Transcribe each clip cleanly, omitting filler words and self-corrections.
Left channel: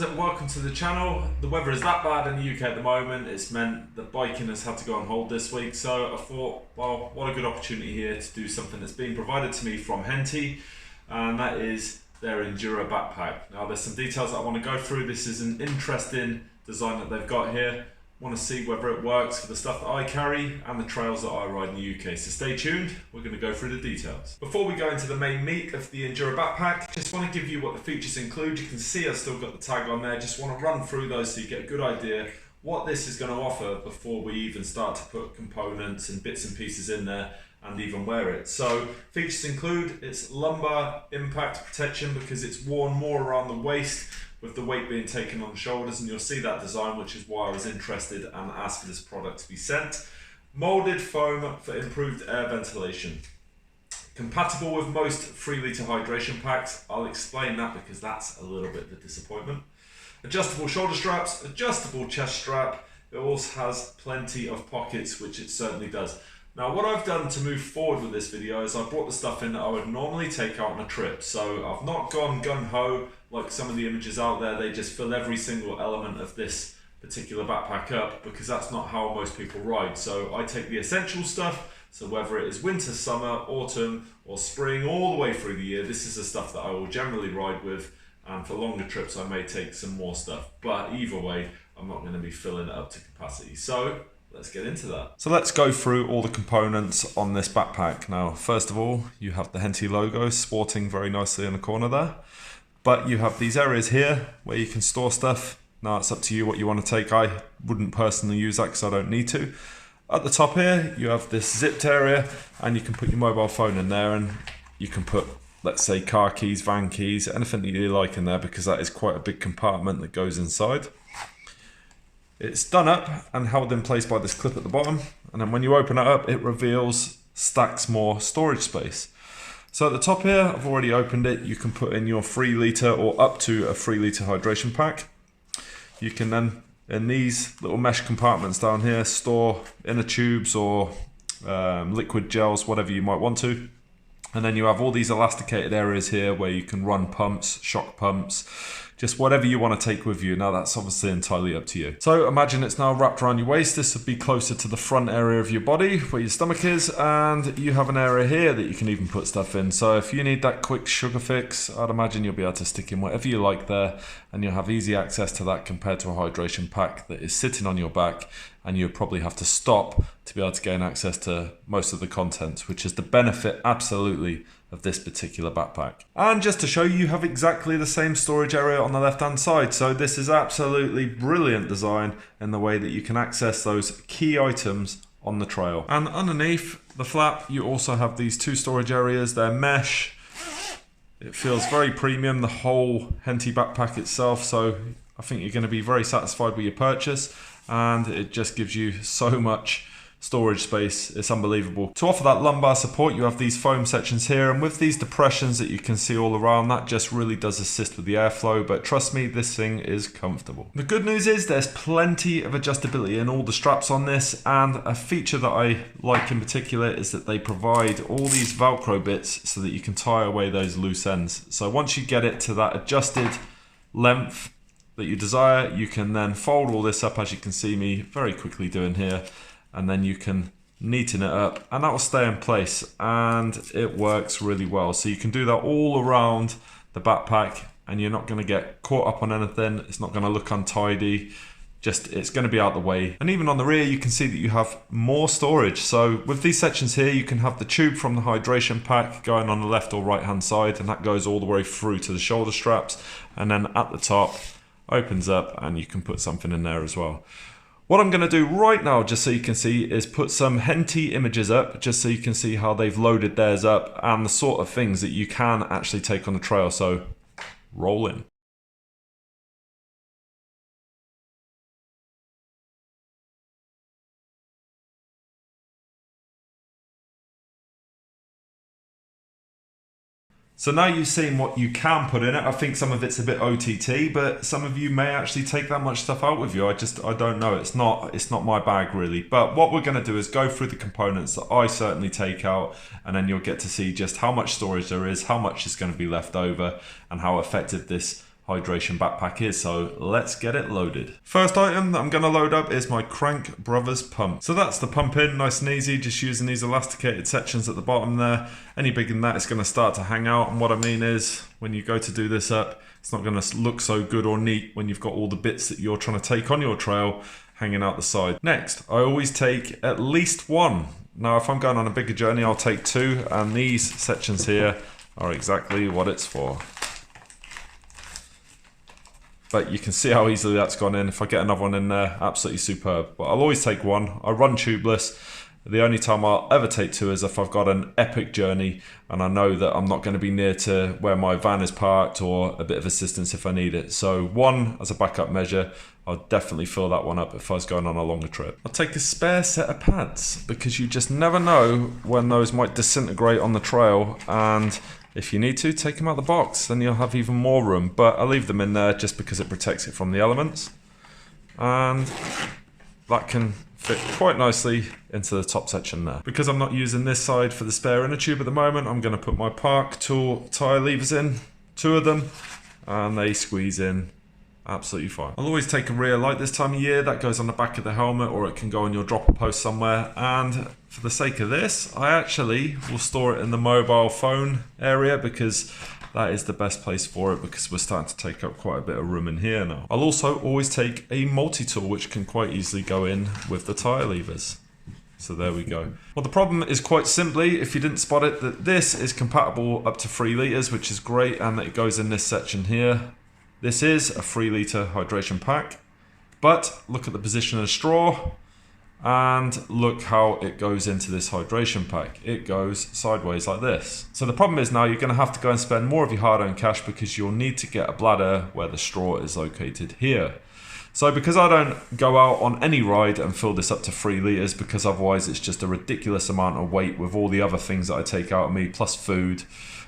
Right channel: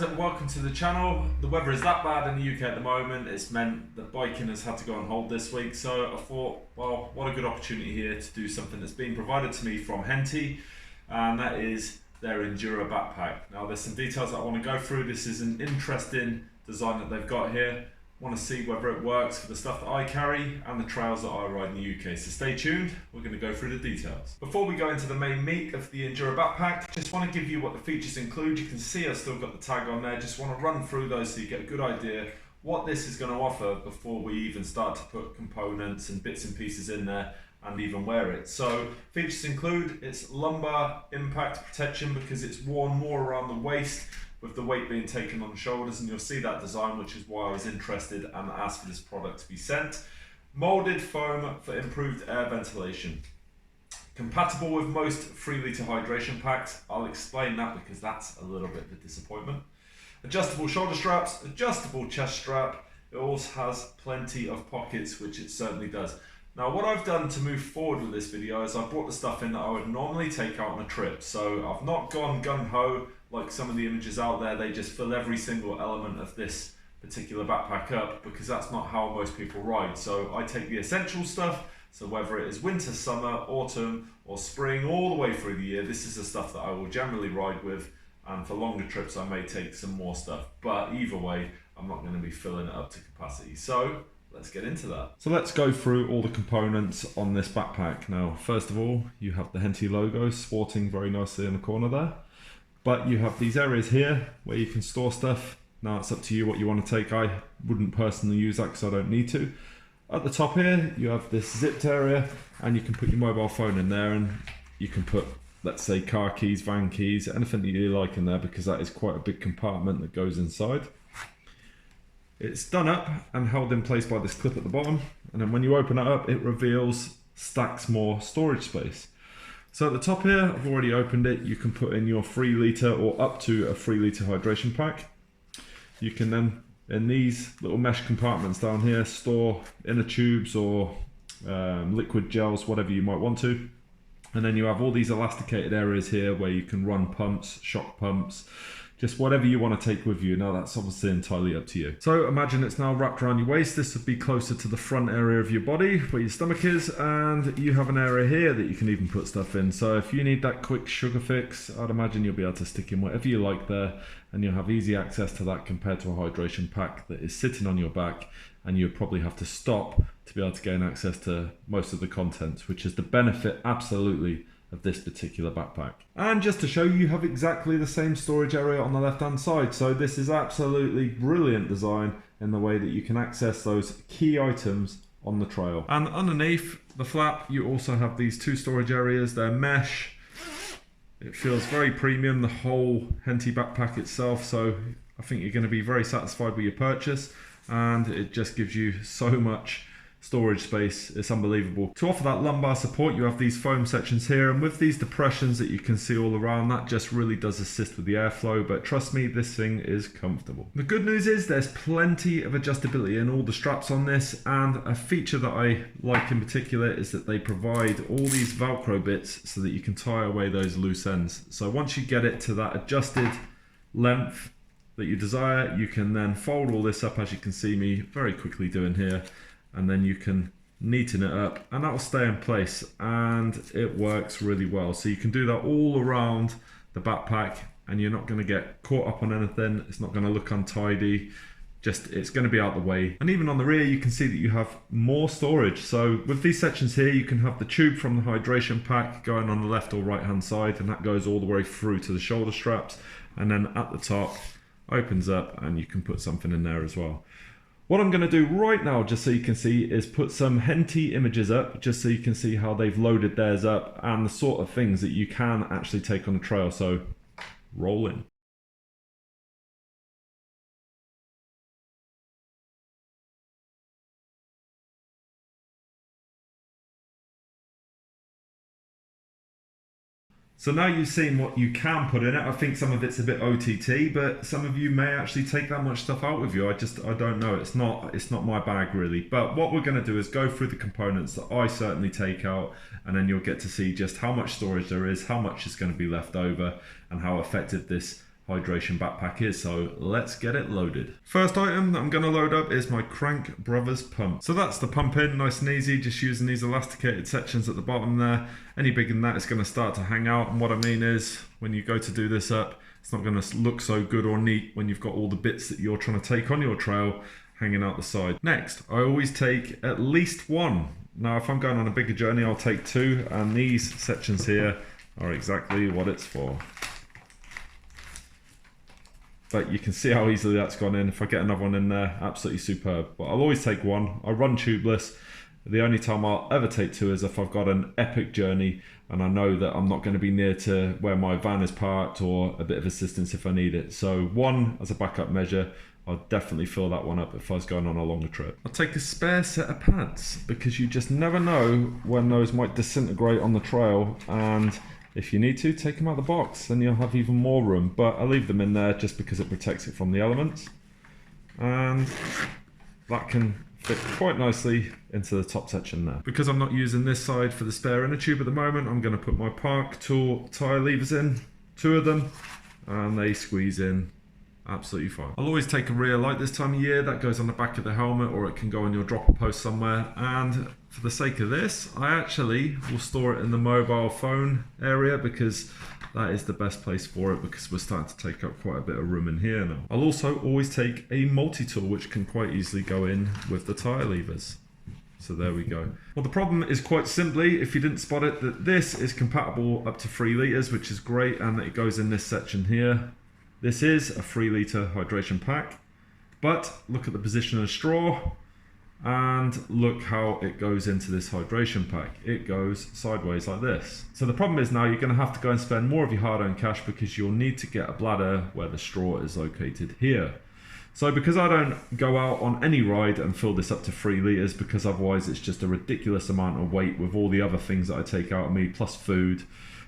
and welcome to the channel. The weather is that bad in the UK at the moment. It's meant that biking has had to go on hold this week, so I thought, well, what a good opportunity here to do something that's being provided to me from Henty, and that is their Enduro backpack. Now there's some details that I want to go through. This is an interesting design that they've got here. Want to see whether it works for the stuff that I carry and the trails that I ride in the UK. So stay tuned, we're going to go through the details. Before we go into the main meat of the Enduro backpack, just want to give you what the features include. You can see I've still got the tag on there. Just want to run through those so you get a good idea what this is going to offer before we even start to put components and bits and pieces in there and even wear it. So features include its lumbar impact protection because it's worn more around the waist, with the weight being taken on the shoulders, and you'll see that design, which is why I was interested and asked for this product to be sent. Molded foam for improved air ventilation. Compatible with most 3 litre hydration packs. I'll explain that because that's a little bit of a disappointment. Adjustable shoulder straps, adjustable chest strap. It also has plenty of pockets, which it certainly does. Now what I've done to move forward with this video is I brought the stuff in that I would normally take out on a trip. So I've not gone gung-ho like some of the images out there. They just fill every single element of this particular backpack up because that's not how most people ride. So I take the essential stuff. So whether it is winter, summer, autumn or spring, all the way through the year, this is the stuff that I will generally ride with. And for longer trips, I may take some more stuff. But either way, I'm not going to be filling it up to capacity. So let's get into that. So let's go through all the components on this backpack. Now, first of all, you have the Henty logo sporting very nicely in the corner there. But you have these areas here where you can store stuff. Now it's up to you what you want to take. I wouldn't personally use that because I don't need to. At the top here, you have this zipped area and you can put your mobile phone in there and you can put, let's say, car keys, van keys, anything that you like in there because that is quite a big compartment that goes inside. It's done up and held in place by this clip at the bottom, and then when you open it up, it reveals stacks more storage space. So at the top here, I've already opened it. You can put in your 3 litre or up to a 3 litre hydration pack. You can then, in these little mesh compartments down here, store inner tubes or liquid gels, whatever you might want to. And then you have all these elasticated areas here where you can run pumps, shock pumps, just whatever you want to take with you. Now that's obviously entirely up to you. So imagine it's now wrapped around your waist. This would be closer to the front area of your body where your stomach is, and you have an area here that you can even put stuff in. So if you need that quick sugar fix, I'd imagine you'll be able to stick in whatever you like there, and you'll have easy access to that compared to a hydration pack that is sitting on your back, and you'd probably have to stop to be able to gain access to most of the contents, which is the benefit absolutely of this particular backpack. And just to show you, you have exactly the same storage area on the left hand side. So this is absolutely brilliant design in the way that you can access those key items on the trail. And underneath the flap, you also have these 2 storage areas. They're mesh. It feels very premium, the whole Henty backpack itself. So I think you're going to be very satisfied with your purchase, and it just gives you so much storage space. It's unbelievable. To offer that lumbar support, you have these foam sections here, and with these depressions that you can see all around, that just really does assist with the airflow. But trust me, this thing is comfortable. The good news is there's plenty of adjustability in all the straps on this, and a feature that I like in particular is that they provide all these Velcro bits so that you can tie away those loose ends. So once you get it to that adjusted length that you desire, you can then fold all this up, as you can see me very quickly doing here, and then you can neaten it up and that will stay in place, and it works really well. So you can do that all around the backpack and you're not going to get caught up on anything. It's not going to look untidy, just it's going to be out the way. And even on the rear, you can see that you have more storage. So with these sections here, you can have the tube from the hydration pack going on the left or right hand side, and that goes all the way through to the shoulder straps, and then at the top opens up and you can put something in there as well. What I'm going to do right now, just so you can see, is put some Henty images up, just so you can see how they've loaded theirs up and the sort of things that you can actually take on the trail. So roll in. So now you've seen what you can put in it. I think some of it's a bit OTT, but some of you may actually take that much stuff out with you. I don't know. It's not my bag really. But what we're going to do is go through the components that I certainly take out, and then you'll get to see just how much storage there is, how much is going to be left over, and how effective this hydration backpack is, so let's get it loaded. First item that I'm going to load up is my Crank Brothers pump. So that's the pump in, nice and easy, just using these elasticated sections at the bottom there. Any bigger than that, it's going to start to hang out, and what I mean is when you go to do this up, it's not going to look so good or neat when you've got all the bits that you're trying to take on your trail hanging out the side. Next, I always take at least one. Now if I'm going on a bigger journey, I'll take two, and these sections here are exactly what it's for. But you can see how easily that's gone in. If I get another one in there, absolutely superb. But I'll always take one. I run tubeless. The only time I'll ever take two is if I've got an epic journey and I know that I'm not going to be near to where my van is parked, or a bit of assistance if I need it. So one as a backup measure. I'll definitely fill that one up if I was going on a longer trip. I'll take a spare set of pads because you just never know when those might disintegrate on the trail, and if you need to, take them out of the box, then you'll have even more room. But I leave them in there just because it protects it from the elements, and that can fit quite nicely into the top section there. Because I'm not using this side for the spare inner tube at the moment, I'm going to put my Park Tool tyre levers in, 2 of them, and they squeeze in absolutely fine. I'll always take a rear light this time of year. That goes on the back of the helmet, or it can go on your dropper post somewhere. And for the sake of this, I actually will store it in the mobile phone area, because that is the best place for it, because we're starting to take up quite a bit of room in here now. I'll also always take a multi-tool, which can quite easily go in with the tyre levers. So there we go. Well, the problem is quite simply, if you didn't spot it, that this is compatible up to 3 litres, which is great, and that it goes in this section here. This is a 3 litre hydration pack, but look at the position of the straw, and look how it goes into this hydration pack. It goes sideways like this. So the problem is now you're going to have to go and spend more of your hard-earned cash, because you'll need to get a bladder where the straw is located here. So because I don't go out on any ride and fill this up to 3 litres, because otherwise it's just a ridiculous amount of weight with all the other things that I take out of me, plus food,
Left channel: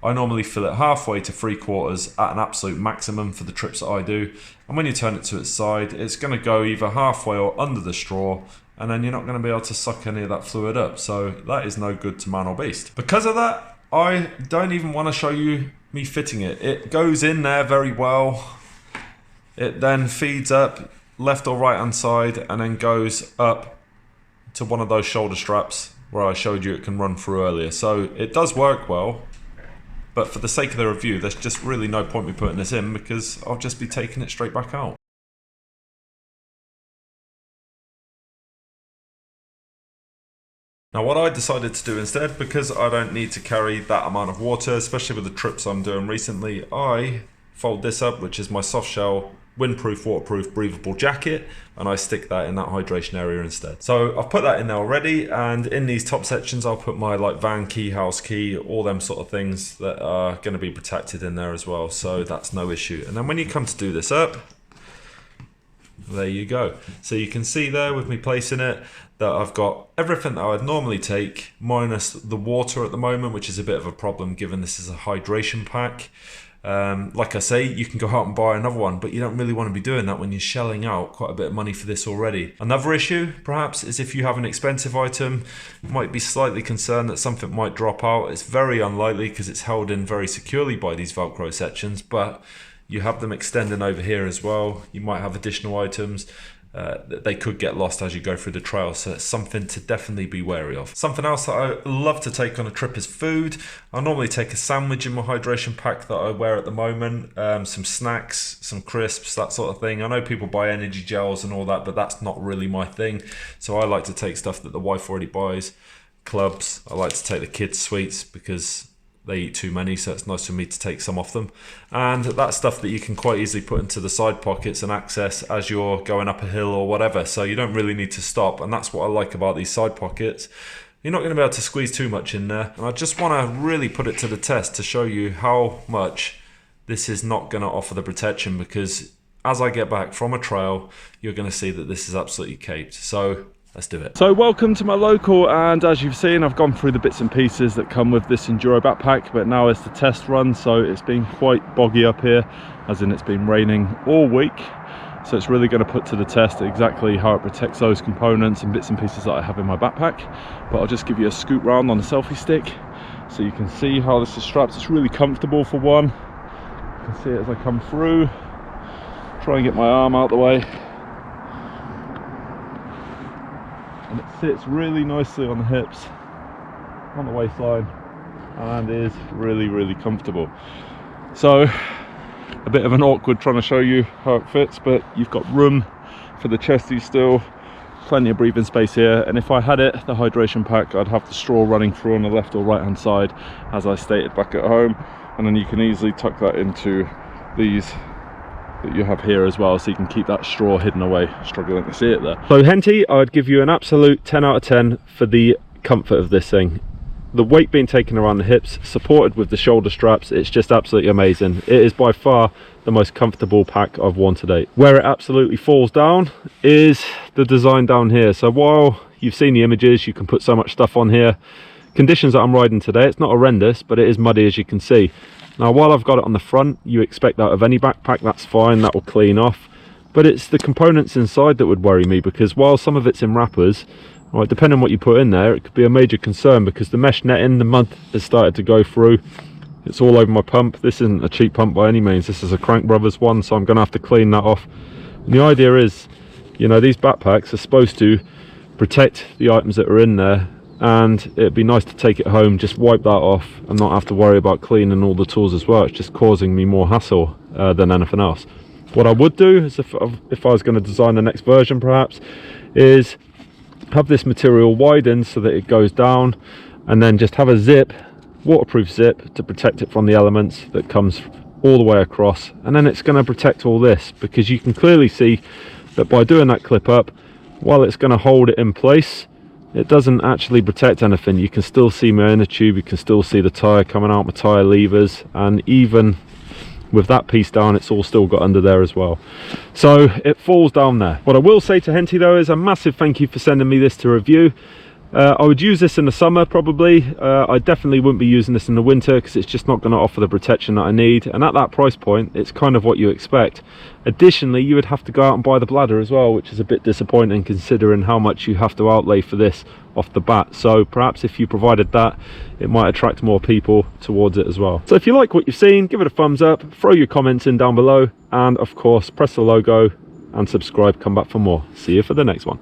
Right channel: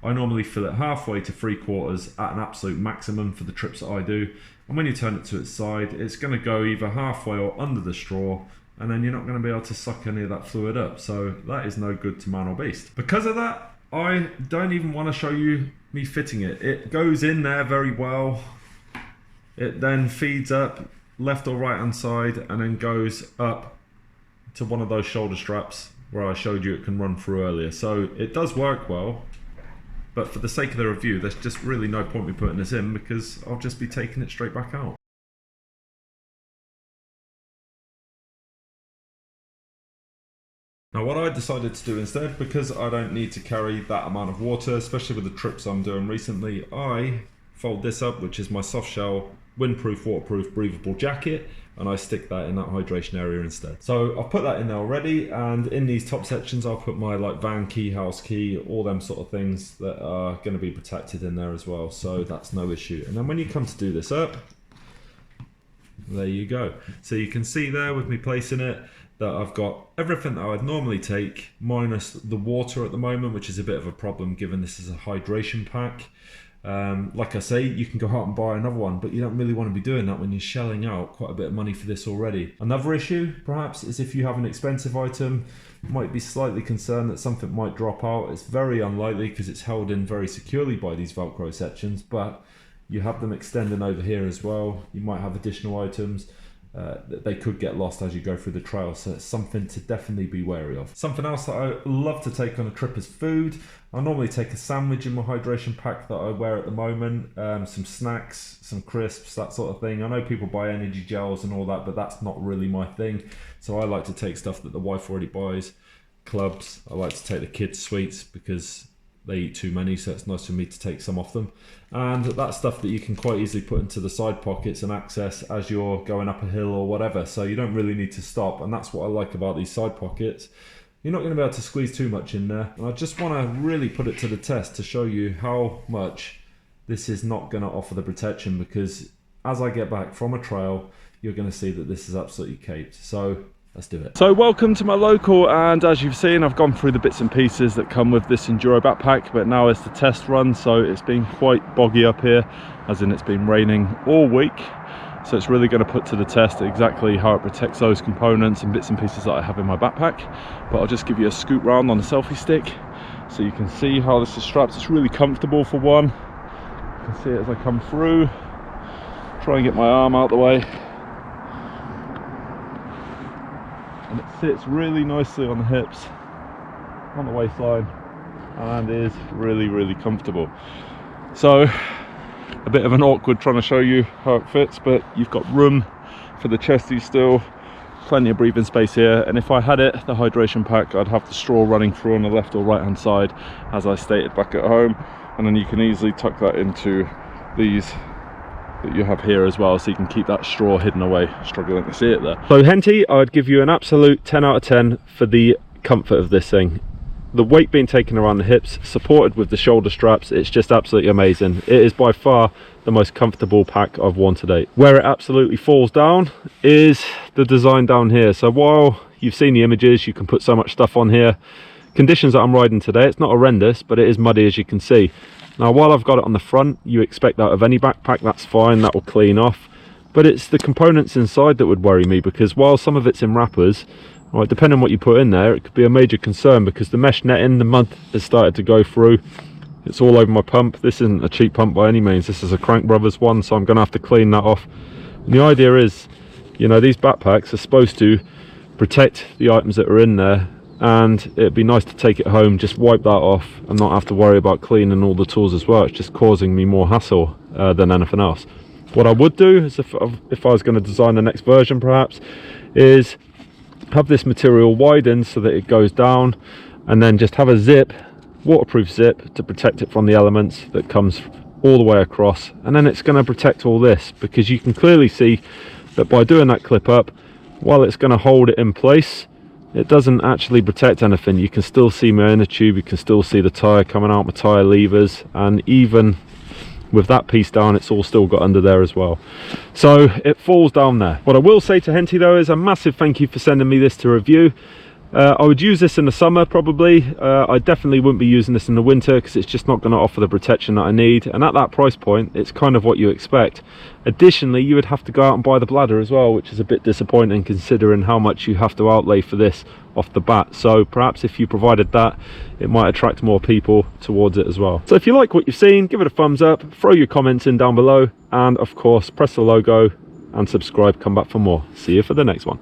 I normally fill it halfway to 3/4 at an absolute maximum for the trips that I do. And when you turn it to its side, it's going to go either halfway or under the straw, and then you're not going to be able to suck any of that fluid up. So that is no good to man or beast. Because of that, I don't even want to show you me fitting it. It goes in there very well. It then feeds up left or right hand side, and then goes up to one of those shoulder straps where I showed you it can run through earlier. So it does work well. But for the sake of the review, there's just really no point me putting this in, because I'll just be taking it straight back out. Now what I decided to do instead, because I don't need to carry that amount of water, especially with the trips I'm doing recently, I fold this up, which is my soft shell, windproof, waterproof, breathable jacket, and I stick that in that hydration area instead. So I've put that in there already, and in these top sections I'll put my van key, house key, all them sort of things that are going to be protected in there as well, so that's no issue. And then when you come to do this up, there you go. So you can see there with me placing it that I've got everything that I'd normally take, minus the water at the moment, which is a bit of a problem given this is a hydration pack. Like I say, you can go out and buy another one, but you don't really want to be doing that when you're shelling out quite a bit of money for this already. Another issue, perhaps, is if you have an expensive item, you might be slightly concerned that something might drop out. It's very unlikely because it's held in very securely by these Velcro sections, but you have them extending over here as well. You might have additional items. They could get lost as you go through the trail, so it's something to definitely be wary of. Something else that I love to take on a trip is food. I normally take a sandwich in my hydration pack that I wear at the moment, some snacks, some crisps, that sort of thing. I know people buy energy gels and all that, but that's not really my thing. So I like to take stuff that the wife already buys. Clubs, I like to take the kids' sweets because they eat too many, so it's nice for me to take some off them. And that's stuff that you can quite easily put into the side pockets and access as you're going up a hill or whatever, so you don't really need to stop. And that's what I like about these side pockets. You're not going to be able to squeeze too much in there, and I just want to really put it to the test to show you how much this is not going to offer the protection, because as I get back from a trail, you're going to see that this is absolutely caped. So let's do it. So welcome to my local, and as you've seen, I've gone through the bits and pieces that come with this Enduro backpack, but now it's the test run. So it's been quite boggy up here, as in it's been raining all week. So it's really going to put to the test exactly how it protects those components and bits and pieces that I have in my backpack. But I'll just give you a scoot round on the selfie stick so you can see how this is strapped. It's really comfortable for one. can see it as I come through. Try and get my arm out the way. And it sits really nicely on the hips, on the waistline, and is really comfortable. So a bit of an awkward trying to show you how it fits, but you've got room for the chesty still, plenty of breathing space here. And if I had it, the hydration pack, I'd have the straw running through on the left or right hand side, as I stated back at home, and then you can easily tuck that into these that you have here as well, so you can keep that straw hidden away. Struggling to see it there. So Henty, I'd give you an absolute 10 out of 10 for the comfort of this thing. The weight being taken around the hips, supported with the shoulder straps, it's just absolutely amazing. It is by far the most comfortable pack I've worn to date. Where it absolutely falls down is the design down here. So while you've seen the images, you can put so much stuff on here. Conditions that I'm riding today, it's not horrendous, but it is muddy, as you can see. Now, while I've got it on the front, you expect that of any backpack, that's fine, that will clean off. But it's the components inside that would worry me, because while some of it's in wrappers, right, depending on what you put in there, it could be a major concern, because the mesh netting, the mud has started to go through. It's all over my pump. This isn't a cheap pump by any means. This is a Crank Brothers one, so I'm going to have to clean that off. And the idea is, you know, these backpacks are supposed to protect the items that are in there, and it'd be nice to take it home, just wipe that off and not have to worry about cleaning all the tools as well. It's just causing me more hassle than anything else. What I would do is, if I was going to design the next version perhaps, is have this material widened so that it goes down, and then just have a zip, waterproof zip, to protect it from the elements that comes all the way across. And then it's going to protect all this, because you can clearly see that by doing that clip up, while it's going to hold it in place, it doesn't actually protect anything. You can still see my inner tube, you can still see the tyre coming out, my tyre levers, and even with that piece down, it's all still got under there as well. So it falls down there. What I will say to Henty though is a massive thank you for sending me this to review. I would use this in the summer probably. I definitely wouldn't be using this in the winter, because it's just not going to offer the protection that I need, and at that price point it's kind of what you expect. Additionally, you would have to go out and buy the bladder as well, which is a bit disappointing considering how much you have to outlay for this off the bat. So perhaps if you provided that, it might attract more people towards it as well. So if you like what you've seen, give it a thumbs up, throw your comments in down below, and of course press the logo and subscribe. Come back for more. See you for the next one.